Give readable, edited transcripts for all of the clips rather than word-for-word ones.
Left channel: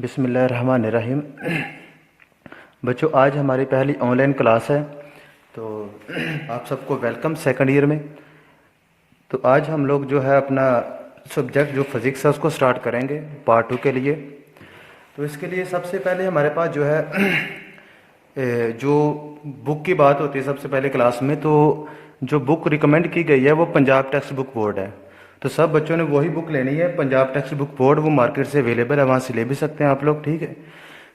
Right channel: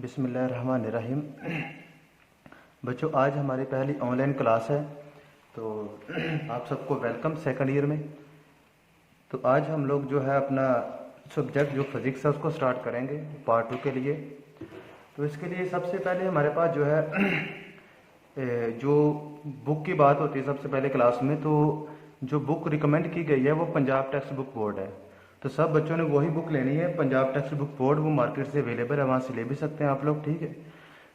बिस्मिल्लाहिर्रहमानिर्रहीम। बच्चों, आज हमारी पहली ऑनलाइन क्लास है, तो आप सबको वेलकम सेकंड ईयर में। तो आज हम लोग जो है अपना सब्जेक्ट जो फिज़िक्स है उसको स्टार्ट करेंगे पार्ट 2 के लिए। तो इसके लिए सबसे पहले हमारे पास जो है जो बुक की बात होती है सबसे पहले क्लास में, तो जो बुक रिकमेंड की गई है वो पंजाब टेक्स्ट बुक बोर्ड है। तो सब बच्चों ने वही बुक लेनी है, पंजाब टेक्स्ट बुक बोर्ड। वो मार्केट से अवेलेबल है, वहाँ से ले भी सकते हैं आप लोग, ठीक है।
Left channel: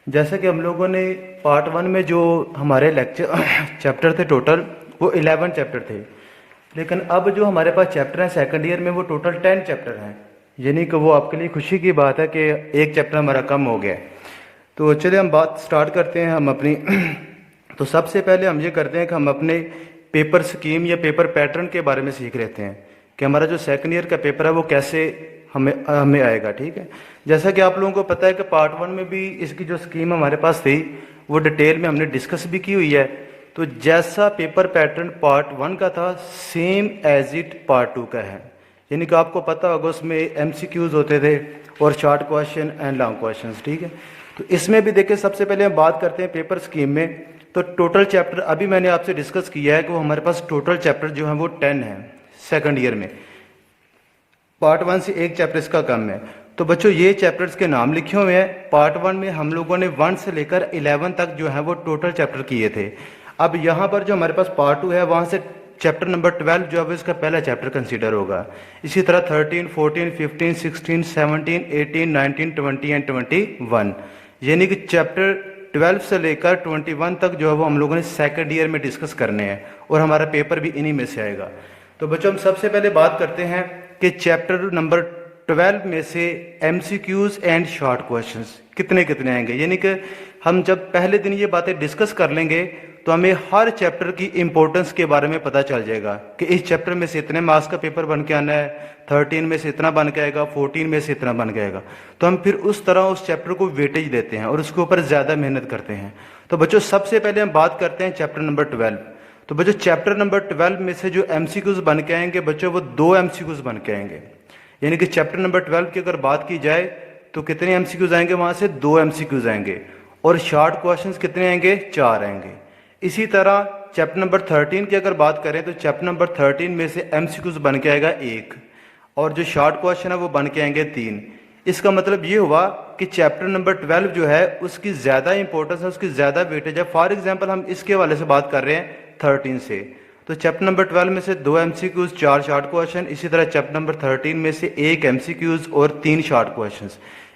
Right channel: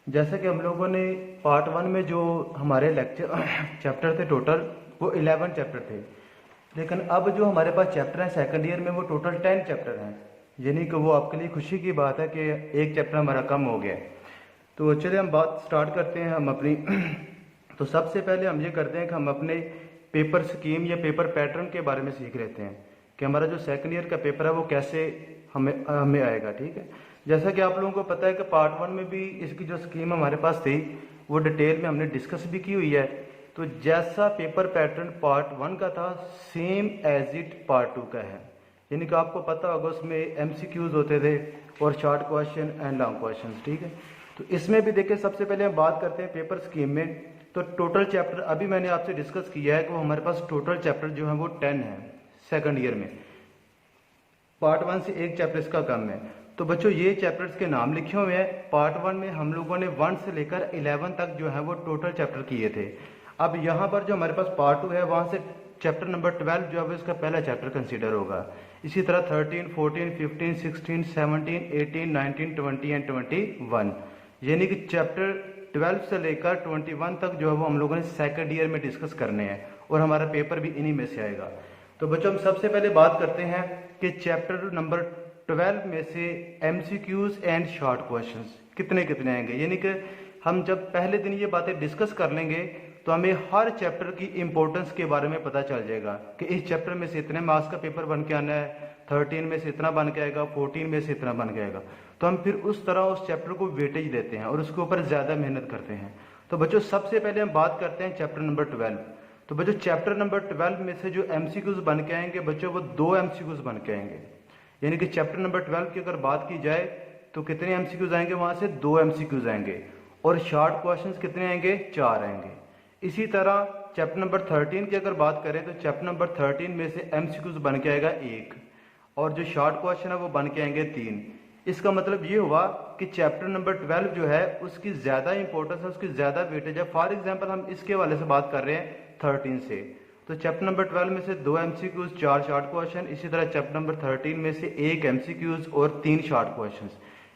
जैसे कि हम लोगों ने पार्ट 1 में जो हमारे लेक्चर चैप्टर थे टोटल, वो 11 चैप्टर थे। लेकिन अब जो हमारे पास चैप्टर हैं सेकंड ईयर में वो टोटल 10 चैप्टर हैं। यानी कि वो आपके लिए खुशी की बात है कि एक चैप्टर हमारा कम हो गया है। तो चलिए हम बात स्टार्ट करते हैं हम अपनी तो सबसे पहले हम ये करते हैं कि हम अपने पेपर स्कीम या पेपर पैटर्न के बारे में सीख लेते हैं कि हमारा जो सेकंड ईयर का पेपर है वो कैसे हमें हमें आएगा, ठीक है। जैसा कि आप लोगों को पता है कि पार्ट 1 में भी इसकी जो स्कीम हमारे पास थी वो डिटेल में हमने डिस्कस भी की हुई है। तो जैसा पेपर पैटर्न पार्ट 1 का था सेम एज इट पार्ट 2 का है। यानी कि आपको पता होगा उसमें MCQs होते थे और short question and long question, ठीक है। तो इसमें भी देखिए, सबसे पहले हम बात करते हैं पेपर स्कीम में। तो टोटल चैप्टर अभी मैंने आपसे डिस्कस किया है कि वो हमारे पास टोटल चैप्टर जो है वो 10 है सेकंड ईयर में। पार्ट 1 से एक चैप्टर इसका कम है। तो बच्चों, ये चैप्टर्स के नाम लिखे हुए हैं। पार्ट 1 में हम लोगों ने 1 से लेकर 11 तक जो है वो टोटल चैप्टर किए थे। अब यहाँ पर जो हमारे पास पार्ट 2 है, वहाँ से चैप्टर नंबर 12 जो है इसका पहला चैप्टर कंसीडर होगा। इसी तरह 13, 14, 15, 16, 17, 18, 19, 20 एंड 21, यानी कि चैप्टर 12 से लेकर 21 तक जो है वो हम लोगों ने सेकंड ईयर में डिस्कस करने हैं और हमारा पेपर भी इन्हीं में से आएगा। तो बच्चों, हम सबसे पहले बात करते हैं कि चैप्टर नंबर 12 में से MCQs एंड शॉर्ट क्वेश्चंस कितने कितने आएंगे। यानी कि हम जब पहले दिन ये बातें डिस्कस कर लेंगे तो हमें हर चैप्टर की इंपॉर्टेंस के बारे में पता चल जाएगा कि इस चैप्टर में से इतने मार्क्स का पेपर बन के आना है, 13 में से इतना बन के आएगा, 14 में से इतना बन के आएगा। तो हम फिर उस तरह उस चैप्टर को वेटेज देते हैं और उसके ऊपर ज़्यादा मेहनत करते हैं। तो बच्चों, सबसे पहले हम बात करते हैं चैप्टर नंबर 12। तो बच्चों, चैप्टर नंबर 12 में से जो MCQs बन के आएंगे बच्चों, वो 2 MCQs बन के आएंगे। यानी कि चैप्टर नंबर 12 की अगर बात की जाए तो कितने MCQs आएंगे, वहाँ से 2 MCQs आएंगे। और शॉर्ट क्वेश्चंस कितने आएंगे, 4 आएंगे। इसी तरह चैप्टर नंबर 13 की अगर बात करें तो चैप्टर नंबर 13 में से MCQs बन के आएगा 1 और जो शॉर्ट क्वेश्चन है वो बन के आएंगे 3। इसका मतलब ये हुआ कि चैप्टर नंबर 12 जो है उसकी ज़्यादा इंपॉर्टेंस है, उसकी ज़्यादा वेटेज है। फॉर एग्जांपल हम इसके हवाले से बात कर रहे हैं 13 से, तो चैप्टर नंबर 12 में से 2 MCQs, 4 शॉर्ट क्वेश्चन। इसी तरह चैप्टर नंबर 13 में से 1 MCQs और 3 शॉर्ट क्वेश्चन।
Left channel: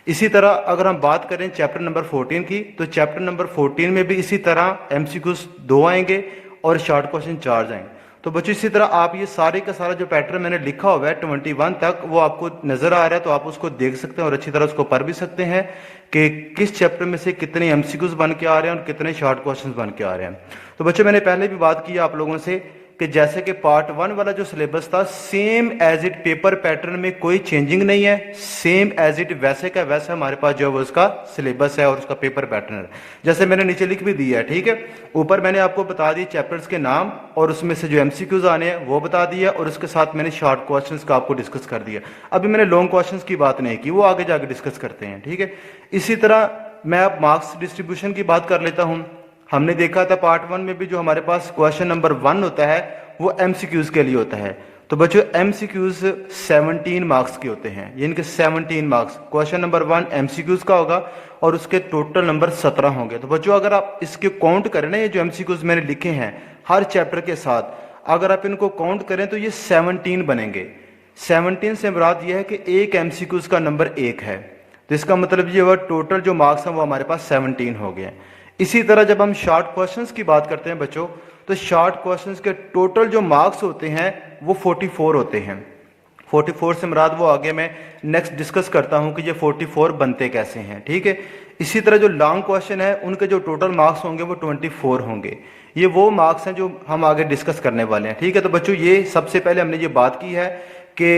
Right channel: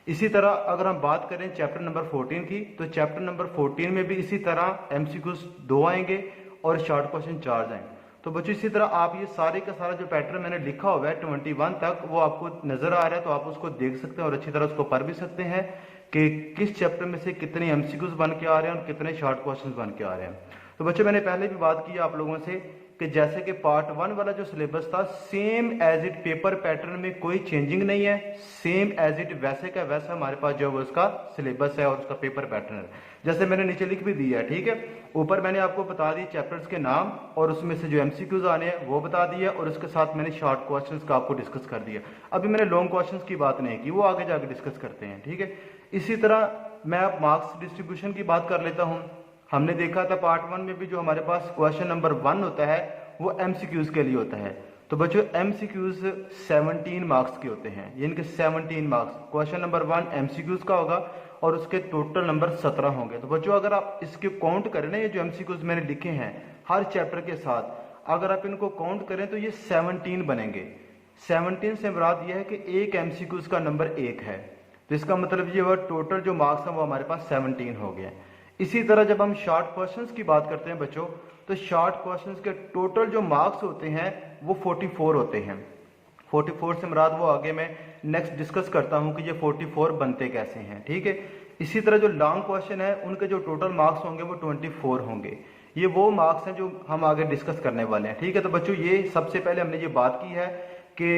इसी तरह अगर हम बात करें चैप्टर नंबर 14 की, तो चैप्टर नंबर 14 में भी इसी तरह MCQs 2 आएंगे और शॉर्ट क्वेश्चन 4 जाएंगे। तो बच्चों, इसी तरह आप ये सारे का सारा जो पैटर्न मैंने लिखा हुआ है 21 तक, वो आपको नजर आ रहा है, तो आप उसको देख सकते हैं और अच्छी तरह उसको पढ़ भी सकते हैं कि किस चैप्टर में से कितने MCQs बन के आ रहे हैं और कितने शॉर्ट क्वेश्चन बन के आ रहे हैं। तो बच्चों, मैंने पहले भी बात की आप लोगों से कि जैसे कि पार्ट 1 वाला जो सिलेबस था same as it paper pattern में कोई चेंजिंग नहीं है, सेम एज इट वैसे का वैसा हमारे पास जो है उसका सिलेबस है और उसका पेपर पैटर्न है। जैसे मैंने नीचे लिख भी दिया है, ठीक है। ऊपर मैंने आपको बता दिए चैप्टर्स के नाम और उसमें से जो MCQs आने हैं वो बता दिया और उसके साथ मैंने शॉर्ट क्वेश्चंस का आपको डिस्कस कर दिया। अभी मैंने लॉन्ग क्वेश्चंस की बात नहीं की, वो आगे जाके डिस्कस करते हैं, ठीक है। इसी तरह मैं अब मार्क्स डिस्ट्रीब्यूशन की बात कर लेता हूँ। हमने देखा था पार्ट 1 में भी जो हमारे पास क्वेश्चन नंबर 1 होता है वो MCQs के लिए होता है। तो बच्चों, MCQs 17 मार्क्स के होते हैं, यानी कि 17 मार्क्स। क्वेश्चन नंबर 1 MCQs का होगा और उसके टोटल नंबर 17 होंगे। तो बच्चों, अगर आप इसके काउंट करें ना, ये जो MCQs मैंने लिखे हैं हर चैप्टर के साथ, अगर आप इनको काउंट करें तो ये 17 बनेंगे। 17 से मुराद ये है कि एक MCQs का नंबर 1 है, तो इसका मतलब ये हुआ टोटल जो मार्क्स हैं वो हमारे पास 17 हो गए। इसी तरह जब हम शॉर्ट क्वेश्चंस की बात करते हैं बच्चों, तो शॉर्ट क्वेश्चंस के टोटल जो मार्क्स होते हैं वो 44 होते हैं। 44 से मुराद वो आगे मैं नेक्स्ट डिस्कस करता हूं कि ये 44 बनते कैसे हैं, ठीक है। इसी तरह जो लॉन्ग क्वेश्चन है उनके जो टोटल मार्क्स होंगे वो 24 होंगे। ये वो मार्क्स हैं जो हम आगे डिस्कस करने वाले हैं, ठीक है। तो बच्चों, ये सबसे पहले हमने ये बात की है कि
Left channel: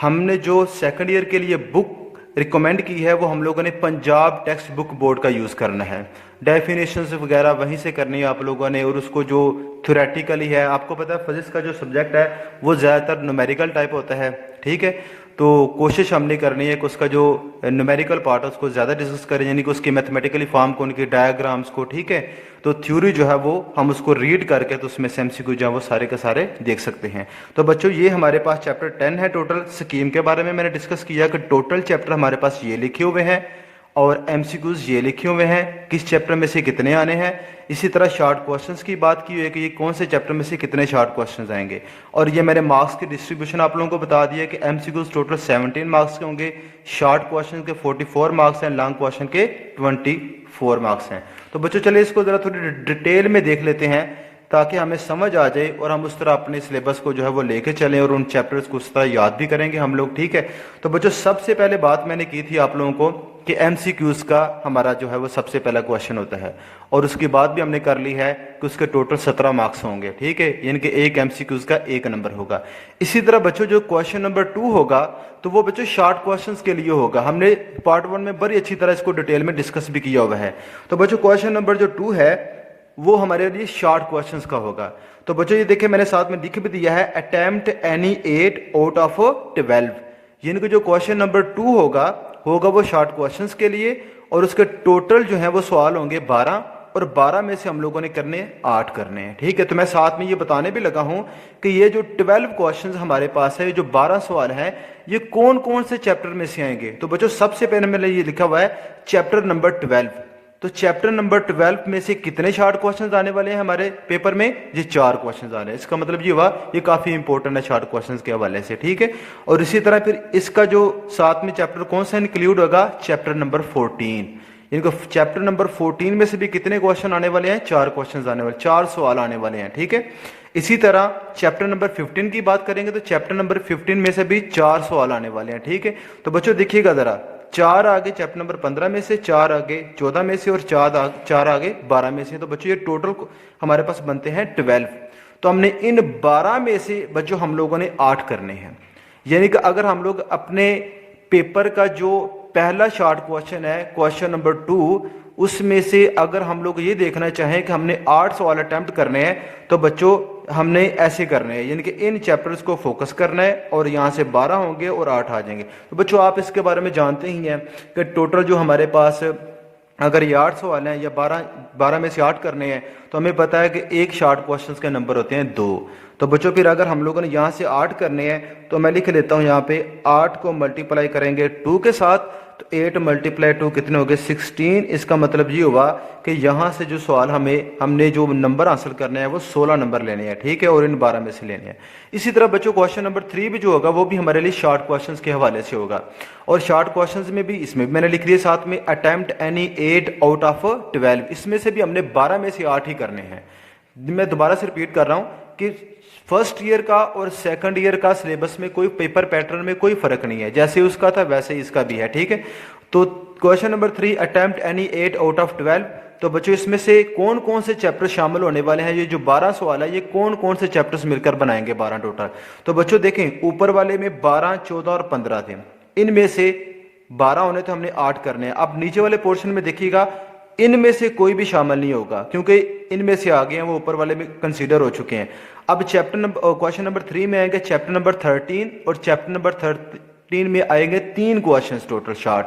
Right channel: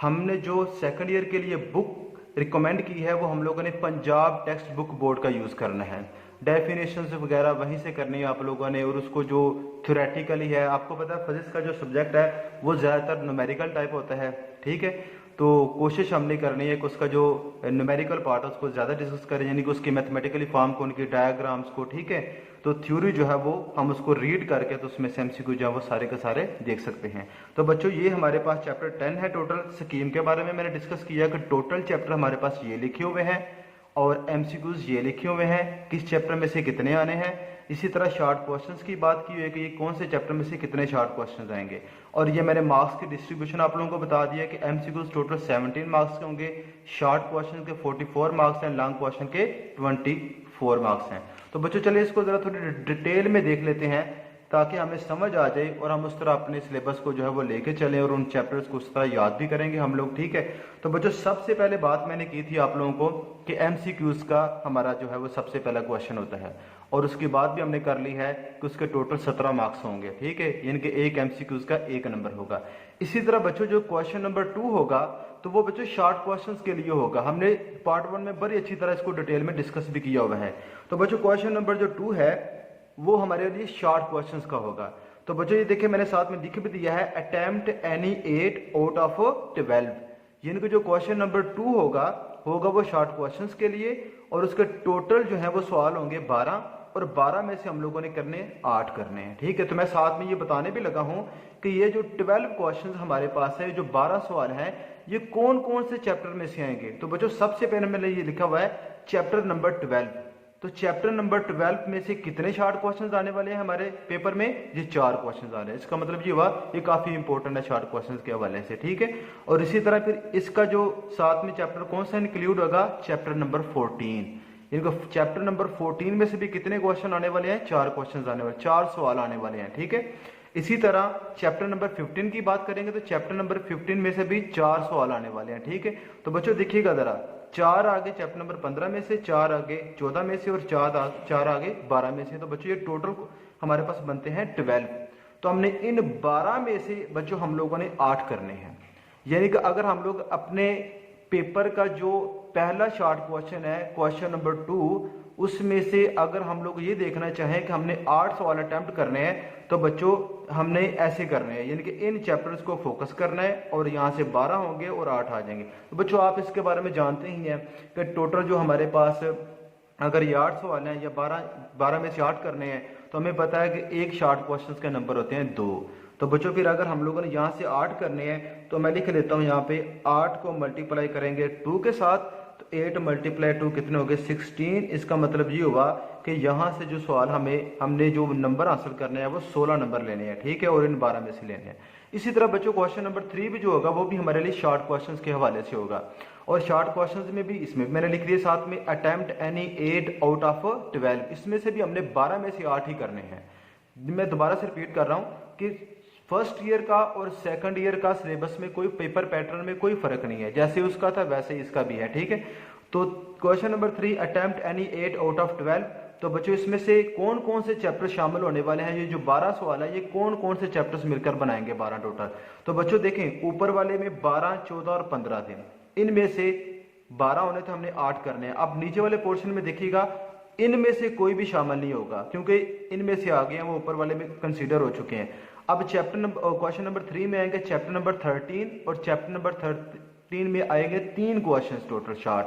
हमने जो सेकंड ईयर के लिए बुक रिकमेंड की है वो हम लोगों ने पंजाब टेक्स्ट बुक बोर्ड का यूज़ करना है। डेफिनेशंस वगैरह वहीं से करनी है आप लोगों ने, और उसको जो थ्योरेटिकली है, आपको पता है फिजिक्स का जो सब्जेक्ट है वो ज़्यादातर न्यूमेरिकल टाइप होता है, ठीक है। तो कोशिश हमने करनी है कि उसका जो न्यूमेरिकल पार्ट है उसको ज़्यादा डिस्कस करें, यानी कि उसकी मैथमेटिकली फॉर्म को, उनकी डायग्राम्स को, ठीक है। तो थ्योरी जो है वो हम उसको रीड करके तो उसमें से एमसीक्यू जो है वो सारे के सारे देख सकते हैं। तो बच्चों ये हमारे पास चैप्टर 10 है। टोटल स्कीम के बारे में मैंने डिस्कस किया कि टोटल चैप्टर हमारे पास ये लिखे हुए हैं और एमसीक्यूज ये लिखे हुए हैं, किस चैप्टर में से कितने आने हैं। इसी तरह शॉर्ट क्वेश्चंस की बात की हुई है कि ये कौन से चैप्टर में से कितने शॉर्ट क्वेश्चंस आएंगे। और ये मैंने मार्क्स की डिस्ट्रीब्यूशन आप लोगों को बता दिया कि एमसीक्यूज टोटल 17 मार्क्स के होंगे, शॉर्ट क्वेश्चन के 44 मार्क्स हैं, लॉन्ग क्वेश्चन के 24 मार्क्स हैं। तो बच्चों चलिए इसको ज़रा थोड़ी डिटेल में देख लेते हैं ताकि हमें समझ आ जाए और हम उस तरह अपने सिलेबस को जो है वो लेके चलें और उन चैप्टर्स को उस तरह याद भी करेंगे हम लोग, ठीक है। तो बच्चों सबसे पहले बात मैंने की थी आप लोगों को कि एमसीक्यूज का हमारा जो है वो सबसे पहला क्वेश्चन होता है, और उसकी बात भी हमने कर ली है कि उसके टोटल 17 मार्क्स होंगे, ठीक है, यानी कि एक एमसीक्यूज का 1 नंबर होगा। इसी तरह बच्चों जो क्वेश्चन नंबर 2 होगा तो वो बच्चों शॉर्ट क्वेश्चंस के लिए होगा। हमने पार्ट 1 में बड़ी अच्छी तरह इसको डिटेल में डिस्कस भी किया हुआ है। तो बच्चों क्वेश्चन नंबर जो 2 है वो हमारे लिए शॉर्ट क्वेश्चंस का होगा। तो बच्चों ये देखिए मैंने साथ में लिख भी दिया है, अटेम्प्ट एनी 8 आउट ऑफ 12, यानी कि जो क्वेश्चन नंबर 2 होगा वो शॉर्ट क्वेश्चंस के लिए, और उसके टोटल जो है वो सवाल होंगे 12, और 12 में से हम लोगों ने करने 8 करने हैं, ठीक है। तो मैं साथ में ये बताने भी लगा हूं कि ये जो 12 क्वेश्चंस हमारे पास है, ये जो 12 सवाल हैं, ये कौन कौन से चैप्टर में से आएंगे। तो बच्चों सबसे पहले मैंने ये लिखा हुआ है चैप्टर नंबर 12। तो चैप्टर नंबर 12 में से कितने शॉर्ट क्वेश्चंस आने वाले हैं हमारे पेपर में, ये 4 क्वेश्चंस आ रहे हैं। इसका मतलब ये हुआ ये काफी इंपॉर्टेंट है शॉर्ट क्वेश्चंस के हवाले से, ठीक है। और इसी तरह फिर इसका जो साथ में चैप्टर कौन सा इंक्लूड होगा, चैप्टर नंबर 14, यानी कि चैप्टर नंबर 14 में से भी कितने क्वेश्चन आने वाले हैं, 4 क्वेश्चन आने वाले, 4 सवाल आने वाले हैं, ठीक है। इसी तरह चैप्टर नंबर 15 की बात करेंगे तो चैप्टर नंबर 15 में से भी 4 सवाल आने वाले हैं, ठीक है। तो बच्चों देखिएगा जरा, 4 आगे चैप्टर नंबर 15 में से, 4 आगे 14 में से, और 4 आगे 12 में से। तो बच्चों ये टोटल हमारे पास बनते हैं 12। तो हमने इन 12 में से बच्चों हम लोगों ने 8 करने हैं, यानी कि अगर हम लोग अपने पेपर का जो पहला शॉर्ट क्वेश्चन है क्वेश्चन नंबर 2, उसमें से अगर हम लोग ये देखना चाहें कि हमने 8 सवाल अटेम्प्ट करने हैं तो बच्चों हमने ऐसे करने हैं, यानी कि इन चैप्टर्स को फोकस करना है, और यहाँ से 12 होंगे और 8 आ जाएंगे। तो बच्चों आप इसके बारे में जानते ही हैं कि टोटल जो हमारे पास अगर ये 8 सवाल हैं या 12 में से 8 करने हैं तो हमें पता है कि एक शॉर्ट क्वेश्चन के नंबर होते हैं 2। तो बच्चों फिर अगर हम लोगों ने यहाँ से 8 करने हैं तो मैं लिख लेता हूँ यहाँ पे 8 को मल्टीप्लाई करेंगे 2 के साथ, तो 8 मल्टीप्लाई 2 कितने हो गए, 16। इसका मतलब ये हुआ कि यहाँ से जो सवाल हमने जो नंबर हासिल करने हैं वो 16 नंबर लेने हैं, ठीक है, और इन 12 में से लेने हैं। इसी तरह बच्चों क्वेश्चन नंबर 3 भी जो होगा वो भी हमारे लिए शॉर्ट क्वेश्चंस के हवाले से होगा, और शॉर्ट क्वेश्चंस में भी इसमें मैंने लिख दिया साथ में अटेम्प्ट एनी 8 आउट ऑफ 12, इसमें से भी हमने 12 में से 8 ही करने हैं। मैं दोबारा से रिपीट कर रहा हूँ कि फर्स्ट ईयर का और सेकंड ईयर का सिलेबस में कोई पेपर पैटर्न में कोई फर्क नहीं है, जैसे उसका था वैसे ही इसका भी है, ठीक है। तो question number 3 attempt any 8 out of 12। तो बच्चों इसमें से कौन कौन से चैप्टर शामिल होने वाले हैं, ये जो 12 सवाल है ये कौन कौन से चैप्टर्स मिलकर बनाएंगे 12 टोटल। तो बच्चों देखें ऊपर वाले में 12, 14 और 15 थे, इनमें से 12 होने तो हमने 8 करने हैं। अब नीचे वाले पोर्शन में देखिएगा इनमें से कोई भी शामिल नहीं होगा क्योंकि इनमें से आ गए हैं, वो ऊपर वाले में कंसीडर हो चुके हैं। अब क्वेश्चन नंबर 3 में आएंगे चैप्टर नंबर 13, और चैप्टर नंबर 13 में आएंगे 3 क्वेश्चंस टोटल शॉर्ट,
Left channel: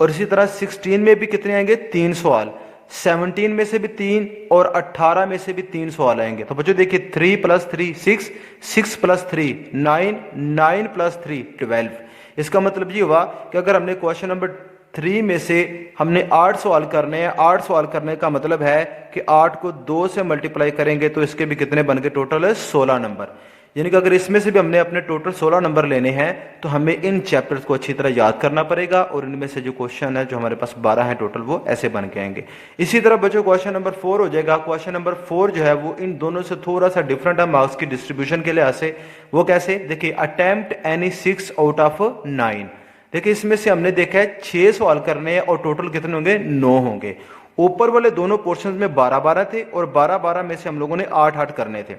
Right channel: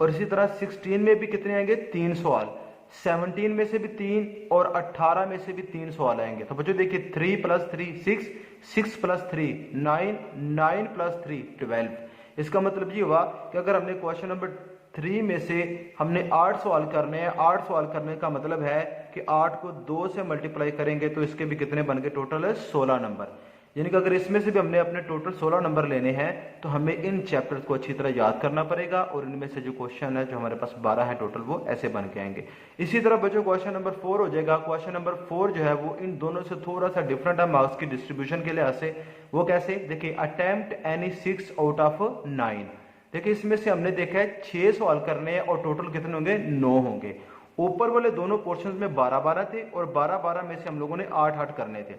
और इसी तरह 16 में भी कितने आएंगे, 3 सवाल, 17 में से भी 3, और 18 में से भी 3 सवाल आएंगे। तो बच्चों देखिए 3 + 3 6, 6 + 3 9, 9 + 3 12। इसका मतलब ये हुआ कि अगर हमने क्वेश्चन नंबर 3 में से हमने 8 सवाल करने हैं, 8 सवाल करने का मतलब है कि 8 को 2 से मल्टीप्लाई करेंगे तो इसके भी कितने बन गए, टोटल है 16 नंबर। यानी कि अगर इसमें से भी हमने अपने टोटल 16 नंबर लेने हैं तो हमें इन चैप्टर्स को अच्छी तरह याद करना पड़ेगा, और इनमें से जो क्वेश्चन है जो हमारे पास 12 है टोटल वो ऐसे बन के आएंगे। इसी तरह बच्चों क्वेश्चन नंबर 4 हो जाएगा। क्वेश्चन नंबर 4 जो है वो इन दोनों से थोड़ा सा डिफरेंट है मार्क्स की डिस्ट्रीब्यूशन के लिहाज से। वो कैसे, देखिए अटेम्प्ट एनी 6 आउट ऑफ 9। देखिए इसमें से हमने देखा है 6 सवाल करने हैं और टोटल कितने होंगे, 9 होंगे। ऊपर वाले दोनों पोर्शंस में 12-12 थे, और 12-12 में से हम लोगों ने 8-8 करने थे।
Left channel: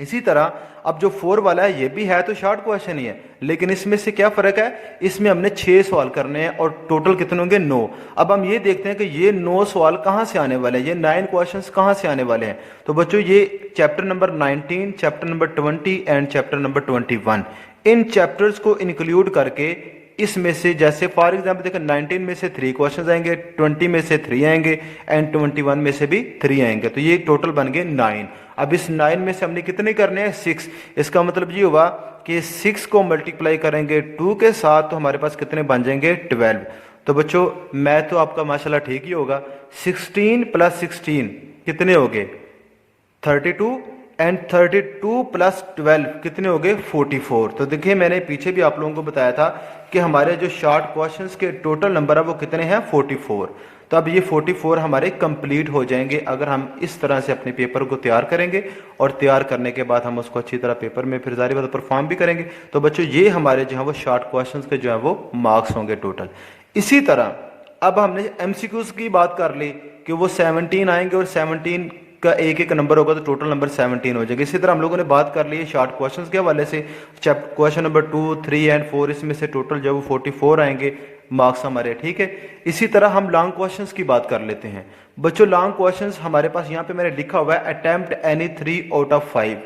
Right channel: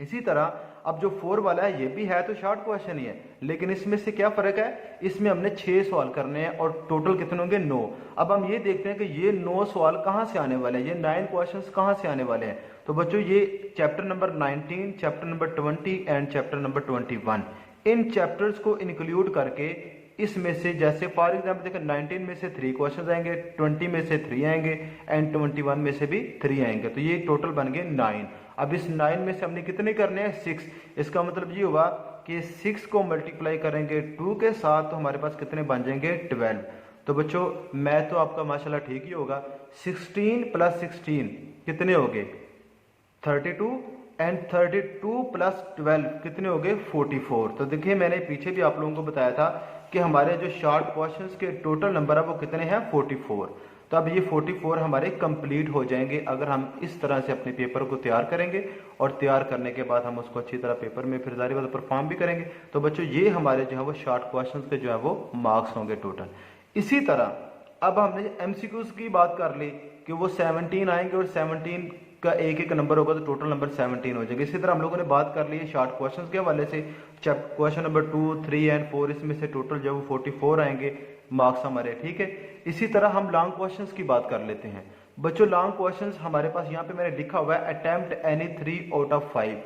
इसी तरह अब जो 4 वाला है ये भी है तो शॉर्ट क्वेश्चन ही है, लेकिन इसमें से क्या फर्क है, इसमें हमने 6 सवाल करने हैं और टोटल कितने होंगे, 9। अब हम ये देखते हैं कि ये 9 सवाल कहाँ से आने वाले हैं, ये 9 क्वेश्चंस कहाँ से आने वाले हैं। तो बच्चों ये chapter number 19, chapter number 20 and chapter number 21, in chapters को इंक्लूड करके इसमें से, जैसे फॉर एग्जांपल देखो 19 में से 3 क्वेश्चंस आएंगे, 20 में से 3 आएंगे एंड 21 में से भी 3 आएंगे, तो ये टोटल बन गए 9। अब इस 9 में से हमने कितने करने हैं? 6। इसका मतलब ये हुआ कि 6 को मल्टीप्लाई करेंगे 2 के साथ तो हमारे पास कितने बन जाएंगे? 12। तो बच्चों मैथ तो आपका माशाल्लाह ठीक ही होगा। 16 + 16 कितने हो गए? 32 एंड 32 + 12 कितने हो गए? 44। तो देखिए मैंने पीछे भी आप लोगों को बताया था कि हमारे जो शॉर्ट क्वेश्चंस के टोटल नंबर है वो कितने हैं? 44। तो अब ये 44 हमारे कंप्लीट हो जाएंगे अगर हम इस तरह से अपने पेपर को तैयार करेंगे, और तैयार करने के बाद हम उसको अच्छी तरह पेपर में फिर जारी बात परफॉर्म भी करेंगे। तो बच्चों ये हमारे जो है वो शॉर्ट क्वेश्चंस के जो है वो मार्क्स होंगे टोटल। इसी तरह अब हमने एमसीक्यूज की बात कर ली कि वो 17 आएंगे और 17 का एक एक नंबर होगा तो टोटल नंबर 17 हो जाएगा। इसी तरह हम लोगों ने बात कर ली है शॉर्ट क्वेश्चंस के हवाले से, क्वेश्चन नंबर 2, 3 एंड 4, इसमें से टोटल जो वो 44 आएंगे मार्क्स हमारे, ठीक है। इसी तरह हम लॉन्ग क्वेश्चंस की बात कर लेते हैं। बच्चों लॉन्ग क्वेश्चंस हमारे पास यहाँ पे मैंने लिखा हुआ है अटेम्प्ट एनी 3 आउट ऑफ 5,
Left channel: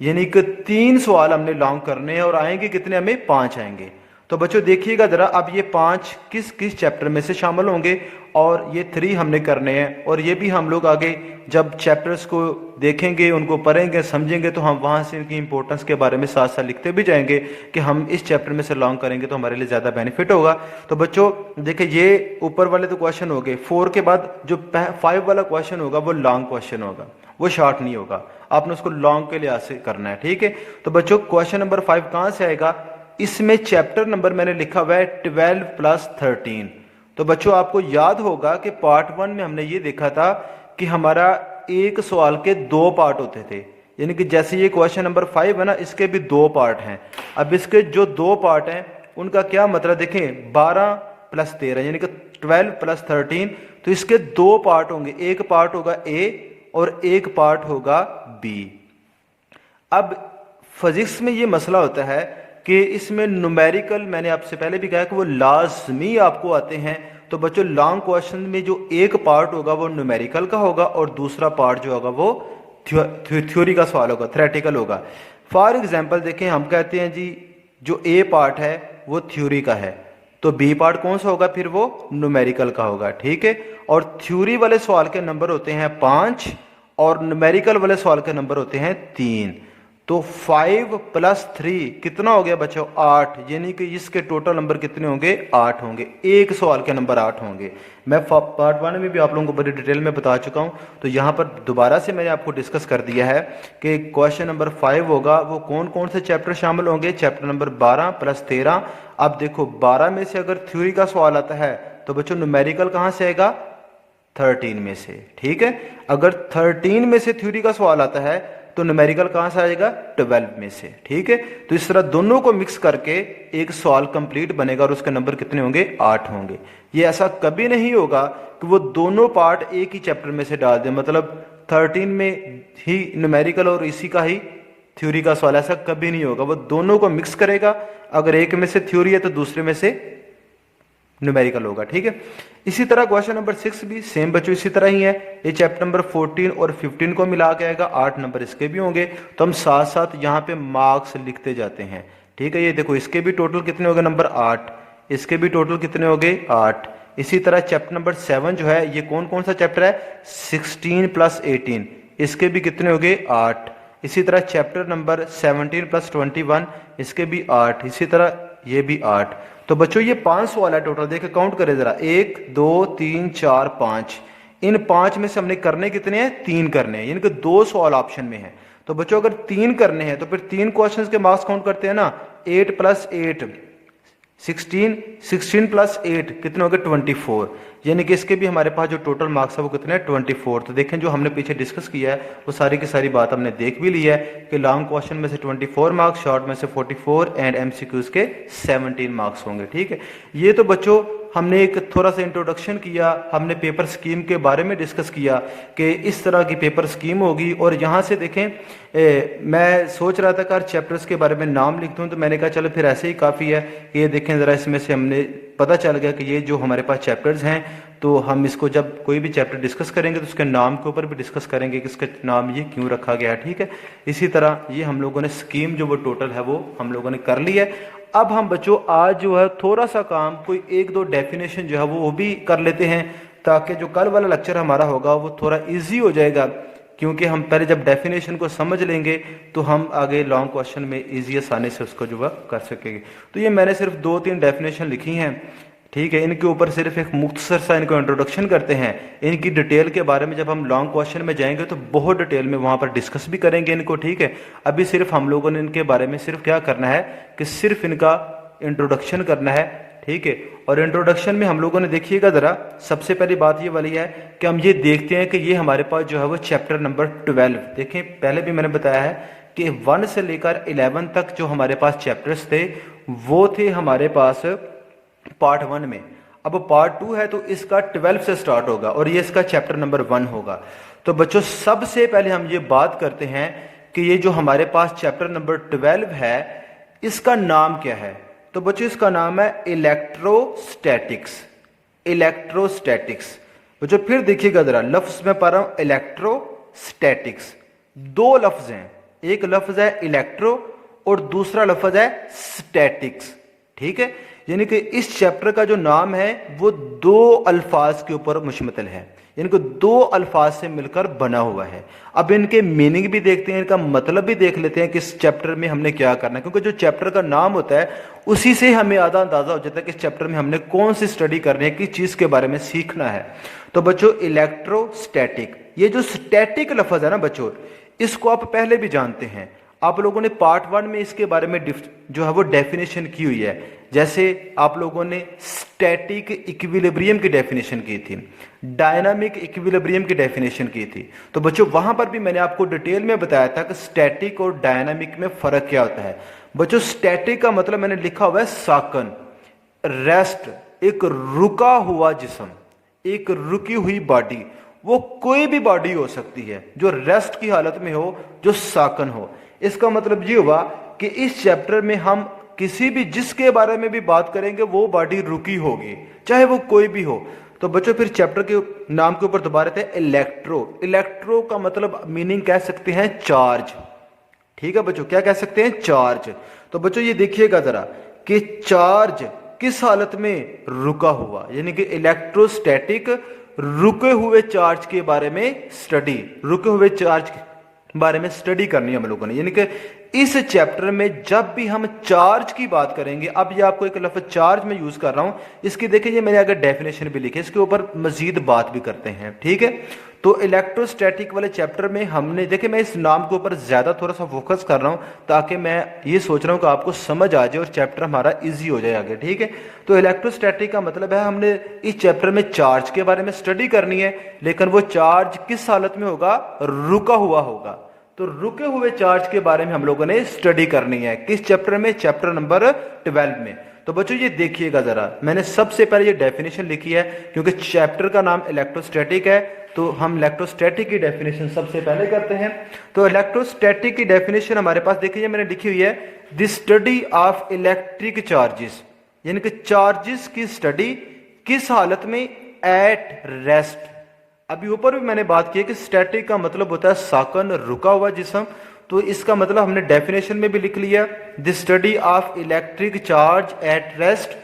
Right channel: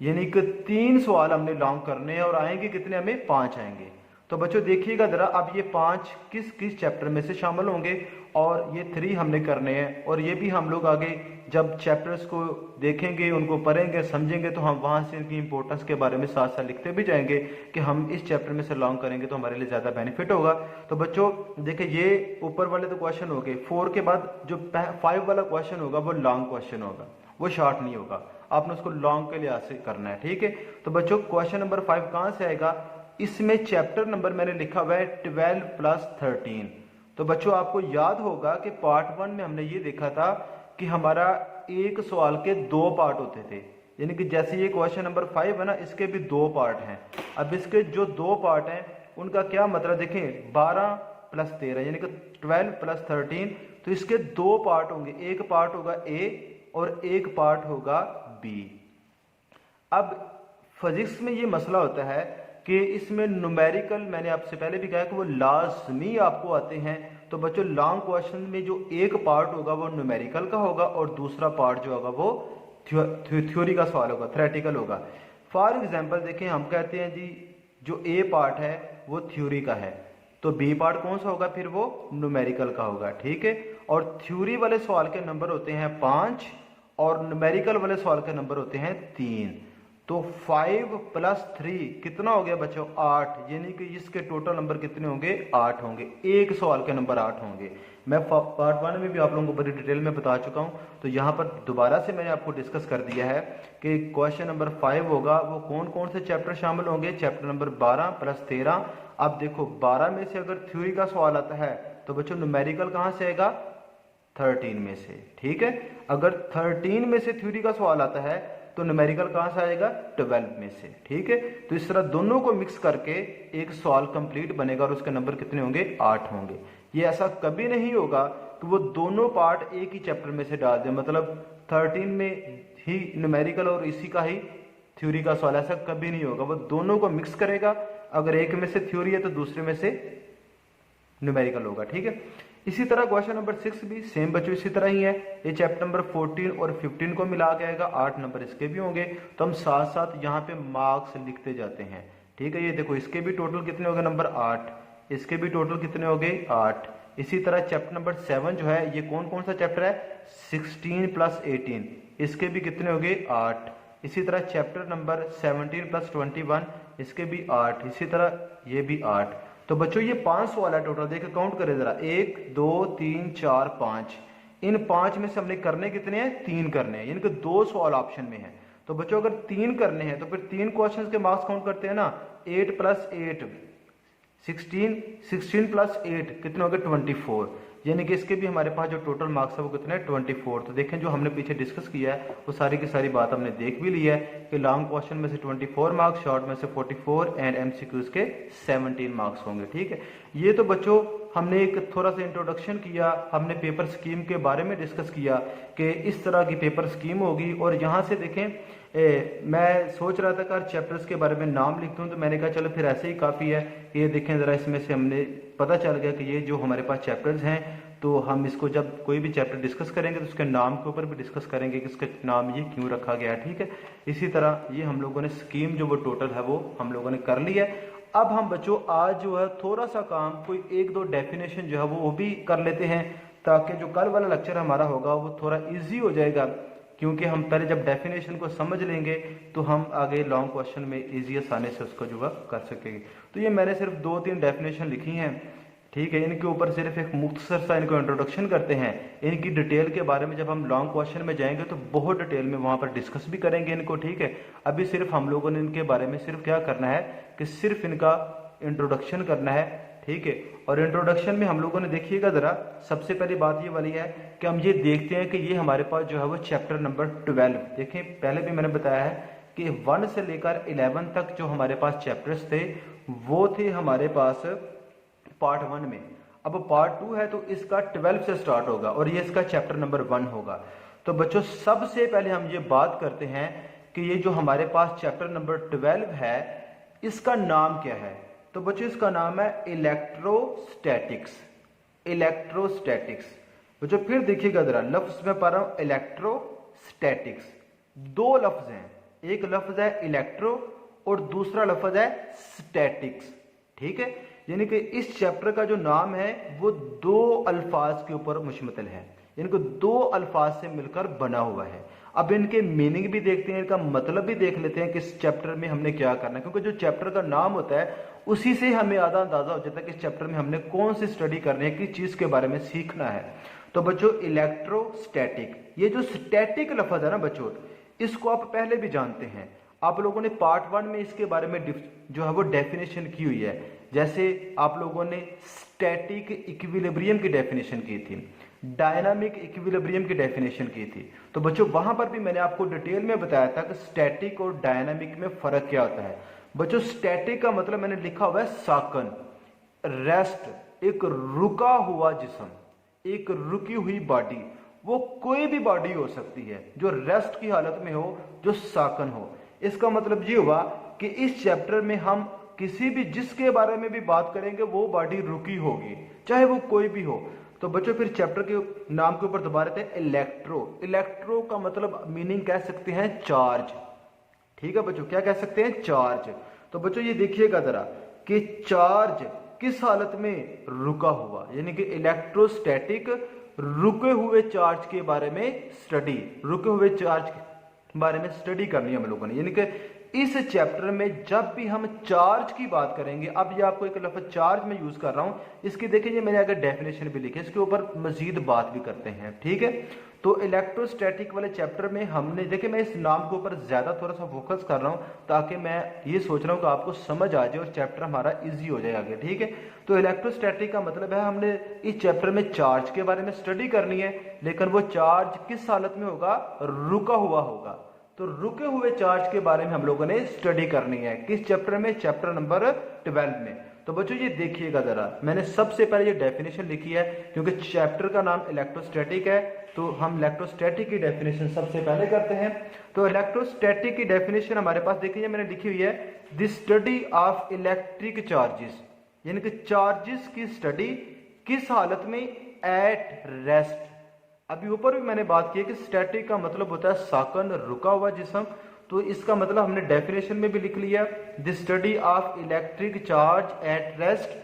यानी कि 3 सवाल हमने लॉन्ग करने हैं और आएंगे कितने? हमें 5 आएंगे। तो बच्चों देखिएगा जरा, अब ये 5 किस किस चैप्टर में से शामिल होंगे, और ये 3 हमने करने हैं, और ये भी हम लोग आगे जब चैप्टर्स को देखेंगे, उनको पढ़ेंगे, समझेंगे, तो हम वहाँ से इनकी इंपॉर्टेंस के बारे में साथ साथ लिखते भी जाएंगे कि हम इस चैप्टर में से लॉन्ग करेंगे तो हमारे लिए ज़्यादा बेनिफिट होगा। तो बच्चों देखिए ये ऊपर वाले तो क्वेश्चन हो गए। 4 के बाद जो 5 वाला क्वेश्चन होगा वो लॉन्ग क्वेश्चन होगा, वो शॉर्ट नहीं होगा, आपने उसको लॉन्ग के लिहाज से करना है, ठीक है। तो बच्चों क्वेश्चन नंबर 5 कहाँ से आएगा? इसमें चैप्टर नंबर मैंने लिखा हुआ है 12 + 13। तो बच्चों आपको याद होगा कि पार्ट 1 में हमने ये देखा था कि हमारा एक सवाल के 2 पार्ट होते थे, यानी कि जैसे ये क्वेश्चन नंबर 5 है ना, इसके भी 2 पार्ट हैं। अब इसके जो 2 पार्ट हैं उनका क्या मतलब देखें, 12 + 13 यानी कि 12 + 13, तो इसके 2 पार्ट होंगे, एक पार्ट होगा ए और एक पार्ट होगा बी। अब फिजिक्स में ये मसला होता है कि इसमें न्यूमेरिकल, मैंने आपसे पहले भी कहा कि वो लाजमी आपको आते हैं। तो बच्चों लॉन्ग क्वेश्चन में जो एक पार्ट होगा वो न्यूमेरिकल का होगा और दूसरा पार्ट जो होगा वो थ्योरी का सवाल होगा, थ्योरेटिकल होगा। फॉर एग्जांपल देखें, हम कहते हैं जी जो ए पार्ट है वो थ्योरी का है, तो बी पार्ट कौन सा होगा? फिर वो न्यूमेरिकल का होगा, ठीक है। और थ्योरी वाले सवाल के नंबर होते हैं 5 और न्यूमेरिकल वाले सवाल के नंबर होते हैं 3। तो 5 + 3 कितना हो गया बच्चों? 8, यानी कि इसके टोटल नंबर कितने होंगे? 8 होंगे, एक सवाल के नंबर 8 होंगे। मैं पार्ट 1 में भी आप लोगों को बड़ी डिटेल में बता चुका हूं, तो यहाँ पर दोबारा से मैंने आपको डिस्कस कर दिया है कि क्वेश्चन नंबर 5 होगा वो कौन कौन से चैप्टर शामिल होंगे? Chapter number 12 + 13। अब देखो 12 में से अगर थ्योरी का सवाल आता है तो बच्चों न्यूमेरिकल कहाँ से आएगा? 13 में से, ठीक है। अगर 13 में से थ्योरी का सवाल आता है तो न्यूमेरिकल कहां से आएगा? 12 में से, ठीक है। तो इस तरह दोनों को मिक्स करके एक सवाल कंप्लीट बनेगा और उसके नंबर कितने होंगे? 8 होंगे। ये ऐसा कभी नहीं होगा कि वो दोनों पार्ट एक ही चैप्टर में से डाल दें, मतलब 13 में ही न्यूमेरिकल और इसी का ही थ्योरी का सवाल, ऐसा कभी नहीं होगा। वो दोनों को मिक्स करेगा, अगर एक में से थ्योरी है तो दूसरे में से न्यूमेरिकल होगा, ठीक है। इसी तरह क्वेश्चन नंबर 6 भी सेम बच्चों इसी तरह ही है। ये चैप्टर नंबर 14 और 15 को मिला के आएगा, 8 नंबर इसके भी होंगे। तो हम साथ साथ यहाँ पे मार्क्स लिखते जाते हैं, ठीक है। ये देखो इसके भी टोटल कितने हो गए? नंबर 8। इसके भी टोटल कितने हो गए? 8। इसी तरह चैप्टर नंबर 7 जो है ये कौन कौन सा चैप्टर है? 16 + 18, इसके भी कितने हो गए? 8। इसी तरह चैप्टर नंबर 17 + 21, इसके भी 8। इसी तरह ये भी 8। तो बच्चों ये 5 सवाल है टोटल, देखिए काउंट करें जरा, 1 2 3 4 5। इन 5 में से हमने करने कितने हैं? 3 करने हैं, यानी कि 2 सवाल ऑप्शन में है। तो बच्चों अगर 3 करने हैं तो फिर 3 क्वेश्चंस के मार्क्स काउंट करते हैं ना, 8 + 8 16, 16 + 8 कितने हो गए? 24, यानी कि इसके भी हमारे पास जो टोटल मार्क्स है वो कितने हैं? 24। तो देखें जो हमने पीछे डिस्कस किया है वो सारी की सारी बात हमने देख भी ली है कि लॉन्ग क्वेश्चन में से 24 मार्क्स, शॉर्ट में से 44 एंड एमसीक्यूज के 17 मार्क्स होंगे, ठीक है। ये तो बच्चों हमने एक थोड़ा सा इंट्रोडक्शन किया, हमने पेपर स्कीम के बारे में डिस्कस किया कि इस तरह की पेपर स्कीम होगी। और यहाँ से देखें मैं सोच रहा था कि हर चैप्टर्स के बारे में नाम लिख दूँ, तो मैंने कहा चलो फिर ऐसे ही काफ़ी है कि ये देखें ज़रा, इसमें से हमने पता चल गया कि ये जो हमारे पास चैप्टर्स हैं, तो हम इसको जब कोई भी चैप्टर डिस्कस करेंगे तो उसके नाम के ऊपर भी डिस्कस करेंगे कि इसका नाम ये क्यों रखा गया है। ठीक है, इसी तरह ये हम लोगों ने स्कीम जो वो टोटल है वो हम लोगों ने कर ली है। अब हम बच्चों आज जो है थोड़ा सा काम, कोई एक दो डेफिनेशन जो है वो भी कर लेते हैं, ताकि जो कल वाला लेक्चर हमारा होगा वो थोड़ा ईजी हो जाएगा, क्योंकि हम पहले जब डेफिनेशन को समझ लेंगे तो हम आगे लॉन्ग क्वेश्चन में ईजी आसानी से उसको जो है कर सकेंगे। तो ये मैंने सिर्फ 2-3 डेफिनेशन लिखी हैं, ठीक है। इनके ऊपर सिर्फ एक मुख्तसर सा इनको इंट्रोडक्शन करते हैं। इनकी डिटेल के बारे में जब हम लॉन्ग क्वेश्चन में जाएंगे तो बहुत डिटेल में वहाँ पर डिस्कस भी करेंगे इनको, ठीक है। अभी सिर्फ हम लोगों ने इनके बारे में सिर्फ क्या करना है कि सिर्फ इनका इंट्रोडक्शन करना है, ठीक है। और इंट्रोडक्शन में हम लोगों ने देखिएगा ज़रा, सबसे पहली बात ये वाली है कि हम ये देखते हैं कि ये हमारे पास जो है वो चैप्टर नंबर 12, देखें पहले भी मैंने बताया है कि 1 से लेकर 11 तक जो हमारे पास चैप्टर्स थे वो थे हमारे पास पार्ट 1 में। अब पार्ट 2 है तो इसका 12 से स्टार्ट होगा और ये इसका चैप्टर नंबर 1 होगा। तो बच्चों सबसे पहले हम ये बात करते हैं कि ये जो हमारे पास चैप्टर नंबर 12 है इसका नाम क्या है। तो बच्चों इसका नाम है इलेक्ट्रोस्टैटिक्स। इलेक्ट्रोस्टैटिक्स बच्चों फिर देखिएगा जरा, लफ्ज में पढ़ रहा हूं इलेक्ट्रोस्टैटिक्स। 2 लफ्ज हैं, एक लफ्ज है इलेक्ट्रो और दूसरा लफ्ज है स्टैटिक्स, ठीक है। यानी कि इस चैप्टर का जो नाम है वो 2 अल्फाज के ऊपर मुश्तमिल है, यानी कि 2 अल्फाज से मिलकर बना हुआ है। अब इनके मीनिंग भी देखते हैं, इनका मतलब भी देख लेते हैं कि इस चैप्टर में हमने क्या करना है, क्योंकि जो चैप्टर का नाम होता है उसी से हमें आधा अंदाजा हो जाता है कि इस चैप्टर में हमने कौन सी स्टडी करनी है, किस चीज के बारे में सीखना है। तो बच्चों इलेक्ट्रोस्टैटिक, ये जो स्टैटिक लफ्ज है ना बच्चों, इसको आप पहले भी जानते हैं, आप लोगों ने पार्ट 1 में इसके बारे में जो है वो डेफिनेशन की हुई है। जैसे आप लोगों ने स्टैटिक इक्विलिब्रियम की डेफिनेशन की थी, डायनामिक इक्विलिब्रियम की डेफिनेशन की थी। तो बच्चों वहां पर भी मैंने आपको डिटेल में बताया था कि स्टैटिक और डायनामिक में फर्क क्या होता है। बच्चों स्टैटिक का मतलब मैंने लिखा हुआ है साकन, रेस्ट, एक रुका हुआ जिस्म, एक रुकी हुई बॉडी। वो कोई भी बॉडी हो सकती है जो रेस्ट की हालत में हो, जो साकन हो। इसका मतलब ये हुआ कि इस चैप्टर में हम किसी भी जिसके बारे में भी बात करेंगे वो बॉडी रुकी होगी, चाहे वो कोई भी हो। तो बच्चों फिर चैप्टर के नाम के ऊपर दोबारा थे इलेक्ट्रो। इलेक्ट्रो का मतलब मीनिंग कह सकते हैं चार्ज, ठीक है बच्चों, क्या कह सकते हैं, चार्ज। तो बच्चों ये देखिएगा जरा कि चार्ज किस हालत में रुका हुआ, यानी कि इलेक्ट्रोस्टैटिक रुके हुए चार्ज के बारे में स्टडी, रुके हुए चार्ज के बारे में स्टडी करनी है हम लोगों ने। यानी कि इस चैप्टर में जब भी हम चार्ज की बात करेंगे, अब ये आपको एक लफ्ज चार्ज में यूज कर रहा हूं, इसकी देखिए ये मैंने अगर डेफिनेशन भी लिखी है, इसके ऊपर मजीद बात भी करते हैं, ठीक है। तो इलेक्ट्रोस्टैटिक वाले चैप्टर में हमने देखिए, मैं इस नाम के ऊपर ज्यादा थोड़ा सा फोकस कर रहा हूं ताकि मैं ये सोच रहा हूं कि आपको समझ आ जाए और चैप्टर हमारा इजी हो जाए आगे, ठीक है। तो इलेक्ट्रोस्टैटिक का मतलब है हमने इस चैप्टर में चार्ज के बारे में स्टडी करनी है, लेकिन वो चार्ज किस हालत में होगा, रुका हुआ होगा। तो रुके हुए चार्ज के बारे में हम लोगों ने स्टडी करनी है, किस चैप्टर में, चैप्टर नंबर 12 में। तो बच्चों ये देखिएगा जरा, मैंने सबसे पहले ये डेफिनेशन लिखी है क्योंकि चैप्टर का नाम इलेक्ट्रोस्टैटिक है, तो हम इलेक्ट्रोस्टैटिक की डेफिनेशन सबसे पहले करते हैं। तो इलेक्ट्रोस्टैटिक की डेफिनेशन हमारे पास देखिए मैंने लिखी हुई है, the study of electric charges, यानी कि चार्जेस की स्टडी किस हालत में, एट रेस्ट। अभी ऊपर भी मैंने बात की है कि स्टैटिक का मतलब होता है साकन, रुका हुआ जिस्म। तो इसका मतलब हमने डेफिनेशन में भी लिख लिया, the study of electric charge at rest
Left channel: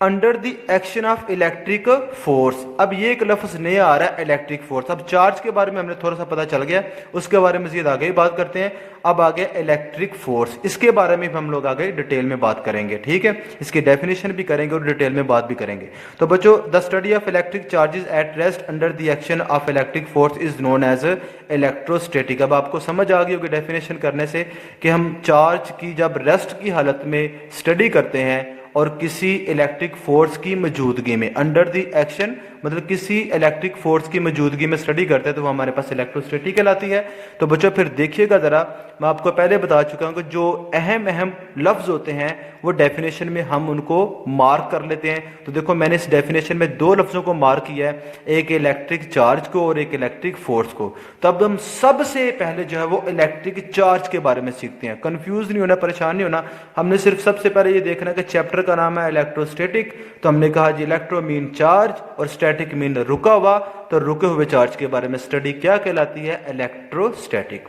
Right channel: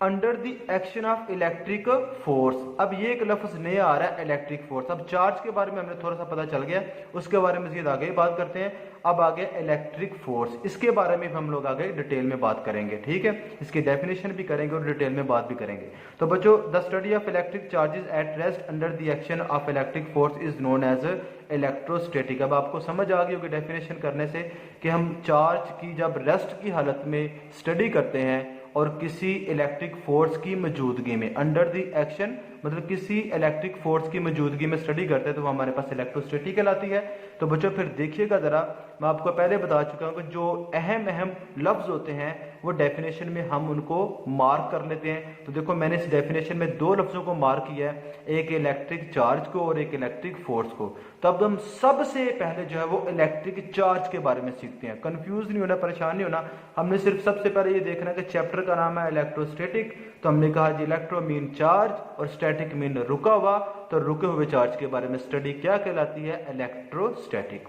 under the action of electric force. अब ये एक लफ्ज नया आ रहा है, इलेक्ट्रिक फोर्स। अब चार्ज के बारे में हमने थोड़ा सा पता चल गया, उसके बारे में मजीद आगे ही बात करते हैं। अब आगे इलेक्ट्रिक फोर्स, इसके बारे में हम लोग आगे डिटेल में बात करेंगे, ठीक है। इसकी डेफिनेशन भी करेंगे और डिटेल में बात भी करेंगे। तो बच्चों the study of electric charges at rest under the action of electric force is known as electrostatic. अब आपको समझ आ गई होगी डेफिनेशन करने से कि हम चार्ज की जब रेस्ट की हालत में स्टडी करते हैं और किसी इलेक्ट्रिक फोर्स की मौजूदगी में, अंडर द एक्शन मतलब किसी इलेक्ट्रिक फोर्स की मौजूदगी में स्टडी करते हैं तो वो हमारे पास इलेक्ट्रोस्टैटिक कहलाती है। तो बच्चों फिर देखिएगा ज़रा, मैं आपको पहले बता चुका हूँ कि जो अहम अहम लफ्ज़ होते हैं वो डेफिनेशन में हम उनको मार्क कर लेते हैं। तो देखो मैंने इस डेफिनेशन में दो लफ्ज़ों को मार्क किया है, एक इलेक्ट्रिक चार्ज को और एक इलेक्ट्रिक फोर्स को। तो अब हम सबसे पहले जो है वो इलेक्ट्रिक चार्ज के बारे में सीखते हैं। कंफ्यूज नहीं होना, परेशान नहीं होना, हमने सिर्फ सबसे पहले ये देखना कि चैप्टर का नाम है इलेक्ट्रोस्टैटिक। तो हमने कहा जी इलेक्ट्रो मीन चार्ज और स्टैटिक मीन रुका हुआ, तो रुके हुए चार्ज के बारे में स्टडी क्या कहलाती है, इलेक्ट्रोस्टैटिक।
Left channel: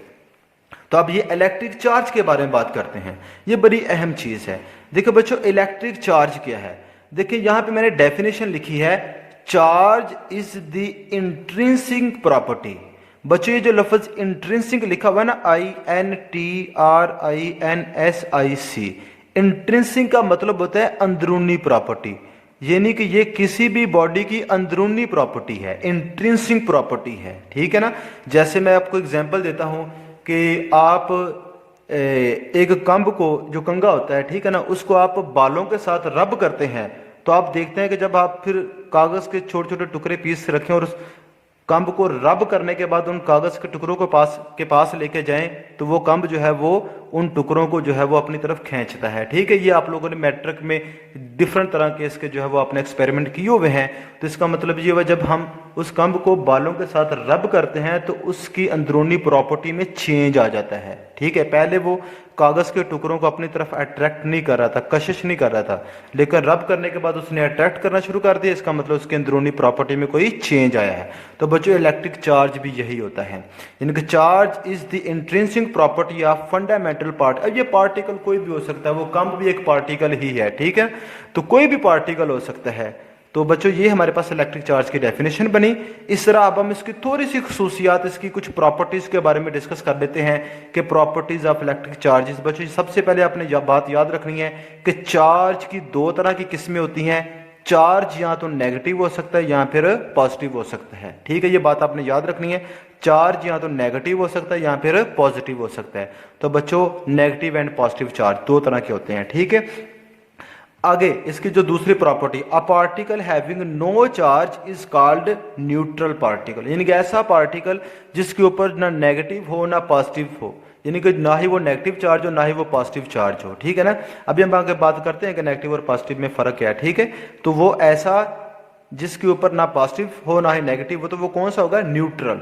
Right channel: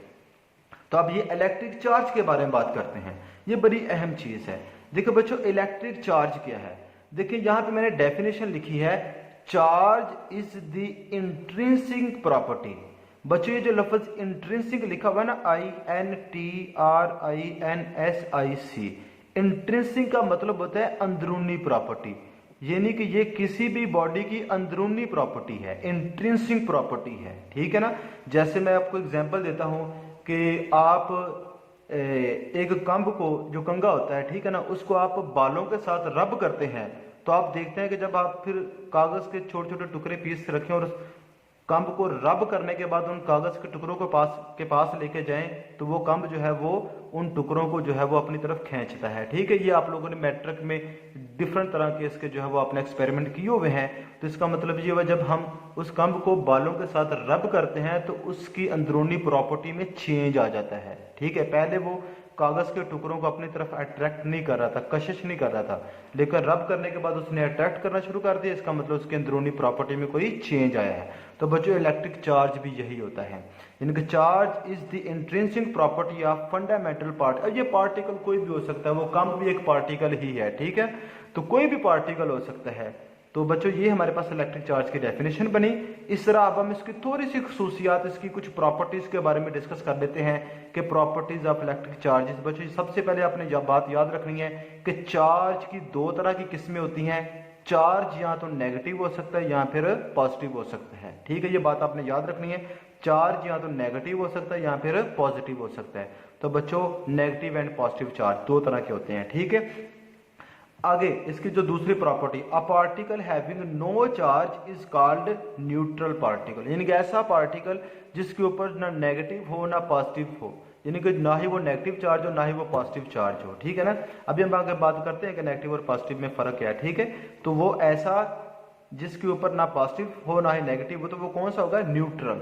तो अब ये इलेक्ट्रिक चार्ज के बारे में बात करते हैं, ये बड़ी अहम चीज है। देखो बच्चों इलेक्ट्रिक चार्ज क्या है, देखिए यहां पे मैंने डेफिनेशन लिखी है, charge is the intrinsic property. बच्चों ये जो लफ्ज इंट्रिंसिक लिखा हुआ है ना, INTRINSIC, इंट्रिंसिक का मतलब होता है अंदरूनी प्रॉपर्टी, यानी कि ये किसी भी बॉडी की अंदरूनी प्रॉपर्टी है, इंट्रिंसिक प्रॉपर्टी है, ठीक है ना। जैसे मैं आपको एग्जांपल देता हूं कि आप एक कंब को, जो कंगा होता है, ठीक है ना, उसको आप बालों के साथ रब करते हैं, तो आप देखते हैं कि जब आप फिर कागज के छोटे छोटे टुकड़े पीस रखें और उस कंब को रब करने के बाद उन कागज के टुकड़ों को पास लेके जाएं, तो वो कंब जो है वो उन टुकड़ों को जो है वो अपनी तरफ खींचता है, ठीक है। ये आप लोगों ने मैट्रिक में डिफरेंट तरह के इसके जो है वो अपने एक्सपेरिमेंट किए हुए हैं। तो इसका मतलब ये हुआ, जब हम उस कंब को बालों के साथ रब करते हैं तो उसकी अंदरूनी प्रॉपर्टी में चेंज आ जाता है, ठीक है। पहले वो कागज के टुकड़ों को अपनी तरफ अट्रैक्ट नहीं कर रहा था, कशिश नहीं कर रहा था, लेकिन रब करने के बाद उसने अट्रैक्ट करना शुरू कर दिया, इसका मतलब उसके अंदरूनी प्रॉपर्टी में कोई चेंज आया है। तो बच्चों इलेक्ट्रिक चार्ज भी यही होता है, इनका charge is the intrinsic property of fundamental part. अब ये पार्टिकल कोई भी हो सकता है, वो कंब भी एक पार्टिकल ही है, ठीक है, तो कोई भी पार्टिकल हो सकता है। तो बच्चों ये हमारे पास इलेक्ट्रिक चार्ज की डेफिनेशन बनी। इस तरह अब हम इसकी थोड़ी सी खसूसियात, इसकी कुछ प्रॉपर्टीज के बारे में डिस्कस कर लेते हैं कि प्रॉपर्टीज ऑफ इलेक्ट्रिक चार्जेस। बच्चों सबसे पहले आपने बात याद रखनी है कि चार्ज की दो तरह की किस्में होती हैं, चार्ज या तो नेगेटिव हो सकता है या फिर पॉजिटिव हो सकता है, ठीक है, ये बात आपने याद रखनी है। चार्ज या तो नेगेटिव हो सकता है या फिर पॉजिटिव हो सकता है। तो बच्चों नेगेटिव एंड पॉजिटिव चार्ज दो तरह के होते हैं, ठीक है। आगे इसकी जो दूसरी property, a particle having no charge is called neutral particle, यानी कि ऐसा पार्टिकल जिसके ऊपर ना नेगेटिव हो ना पॉजिटिव हो, यानी कि ना ही वो नेगेटिव चार्ज हो ना ही वो पॉजिटिव चार्ज हो, ठीक है ना। अभी हम आगे बात करते हैं कि नेगेटिव और पॉजिटिव में फर्क क्या है, ठीक है। तो वो ऐसा जिसके ऊपर ना पॉजिटिव हो ना ही नेगेटिव हो, तो वो कौन सा होगा, न्यूट्रल,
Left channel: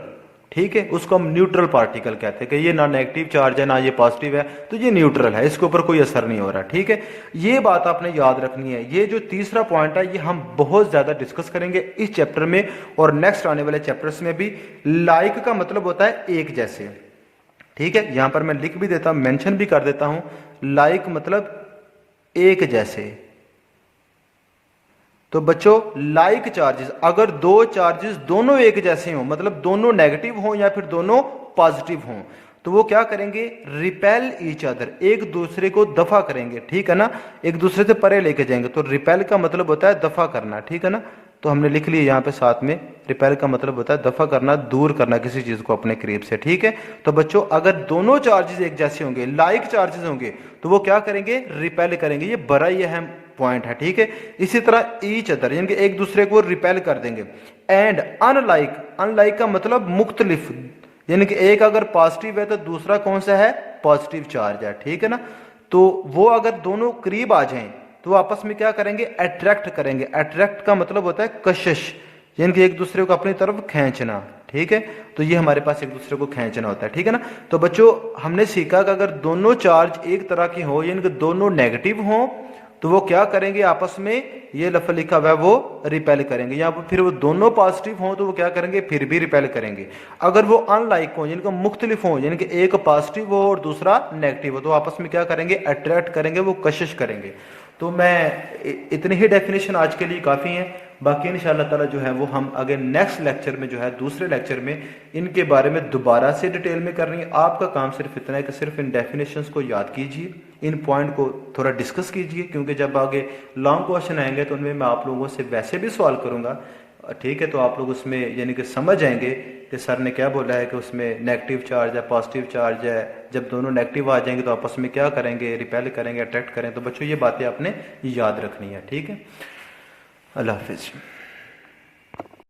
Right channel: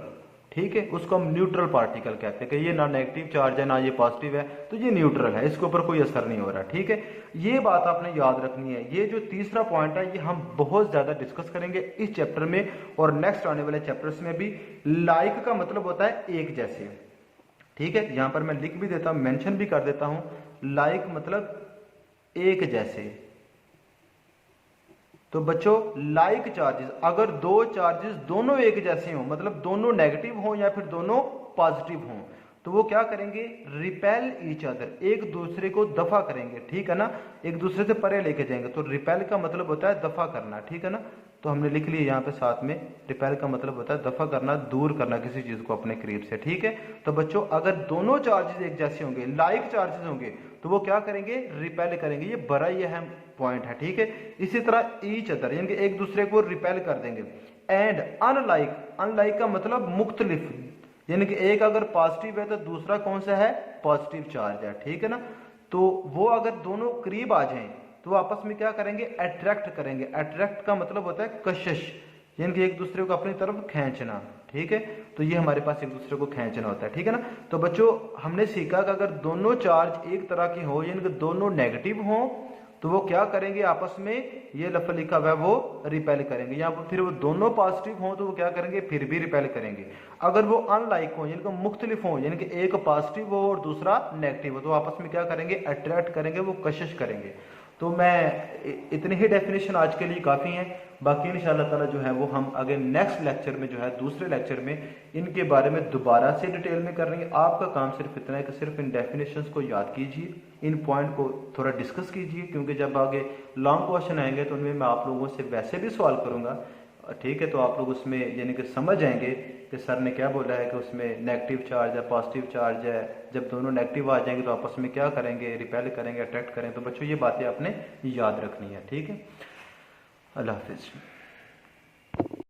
ठीक है, उसको हम न्यूट्रल पार्टिकल कहते हैं कि ये ना नेगेटिव चार्ज है ना ये पॉजिटिव है, तो ये न्यूट्रल है, इसके ऊपर कोई असर नहीं हो रहा, ठीक है। ये बात आपने याद रखनी है। ये जो तीसरा पॉइंट है ये हम बहुत ज्यादा डिस्कस करेंगे इस चैप्टर में और नेक्स्ट आने वाले चैप्टर्स में भी। लाइक का मतलब होता है एक जैसे, ठीक है, यहां पर मैं लिख भी देता हूं, मेंशन भी कर देता हूं, लाइक मतलब एक जैसे। तो बच्चों लाइक चार्जेस, अगर दो चार्जेस दोनों एक जैसे हों, मतलब दोनों नेगेटिव हों या फिर दोनों पॉजिटिव हों, तो वो क्या करेंगे, रिपेल ईच अदर, एक दूसरे को दफा करेंगे, ठीक है ना, एक दूसरे से परे लेके जाएंगे। तो रिपेल का मतलब होता है दफा करना, ठीक है ना। तो हमने लिख लिया यहाँ पे साथ में, रिपेल का मतलब होता है दफा करना, दूर करना किसी चीज को अपने करीब से, ठीक है। तो बच्चों अगर दोनों चार्जेस एक जैसे होंगे, लाइक चार्जेस होंगे, तो वो क्या करेंगे, रिपेल करेंगे। ये बड़ा ही अहम पॉइंट है, ठीक है। इसी तरह ईच अदर यानी कि एक दूसरे को रिपेल कर देंगे। एंड अनलाइक, अनलाइक का मतलब मुख्तलिफ, यानी कि एक अगर पॉजिटिव है तो दूसरा कौन सा है, पॉजिटिव चार्ज है, ठीक है ना। तो वो अगर दोनों करीब आ जाएं तो आपस में क्या करेंगे, अट्रैक्ट करेंगे। अट्रैक्ट का मतलब होता है कशिश, यानी कि एक दूसरे को अपनी तरफ खींचना, ठीक है। तो ये हमारे पास एक दूसरे को खींचना होता है, ठीक है ना। तो बच्चों हमने सीखा कि अगर दोनों चार्ज एक तरह के हो, यानी कि दोनों नेगेटिव हो, तो वो क्या करेंगे, आपस में ये लफ्ज लिखा हुआ है वो रिपेल करेंगे। या फिर वो दोनों पॉजिटिव हों तो वो क्या करेंगे, फिर भी रिपेल करेंगे। अगर वो अनलाइक हो, यानी कि मुख्तलिफ हो, यानी कि एक पॉजिटिव हो और दूसरा नेगेटिव हो, तो आपस में क्या करेंगे, अट्रैक्ट करेंगे, वो कशिश करेंगे। तो मैं इतनी ही डेफिनेशन आज के लिए काफ़ी है। बाकी इंशाअल्लाह ताला जो है वो हम अगर नेक्स्ट लेक्चर में जो है, दूसरे लेक्चर में इनके बारे में दोबारा से डिटेल में करनी है। आपका काम सिर्फ इतना है कि सिर्फ इन डेफिनेशंस को याद कीजिए, इन पॉइंट को थोड़ा डिस्कस कीजिए, क्योंकि जब आगे लॉन्ग क्वेश्चन आएंगे तो उनमें मैं आप लोगों से वैसे भी सवाल करूँगा, ठीक है। तो आप लोग उसमें यानी कि समझ आएंगे कि सर ने क्या बोला है कि उसमें नेगेटिव चार्ज है, पॉजिटिव चार्ज है, जब दोनों नेगेटिव आ जाएंगे तो आपस में क्या करेंगे, रिपेल करेंगे, अट्रैक्ट करें। तो बच्चों ये बातें आपने याद रखनी है, ठीक है। अल्लाह हाफिज़।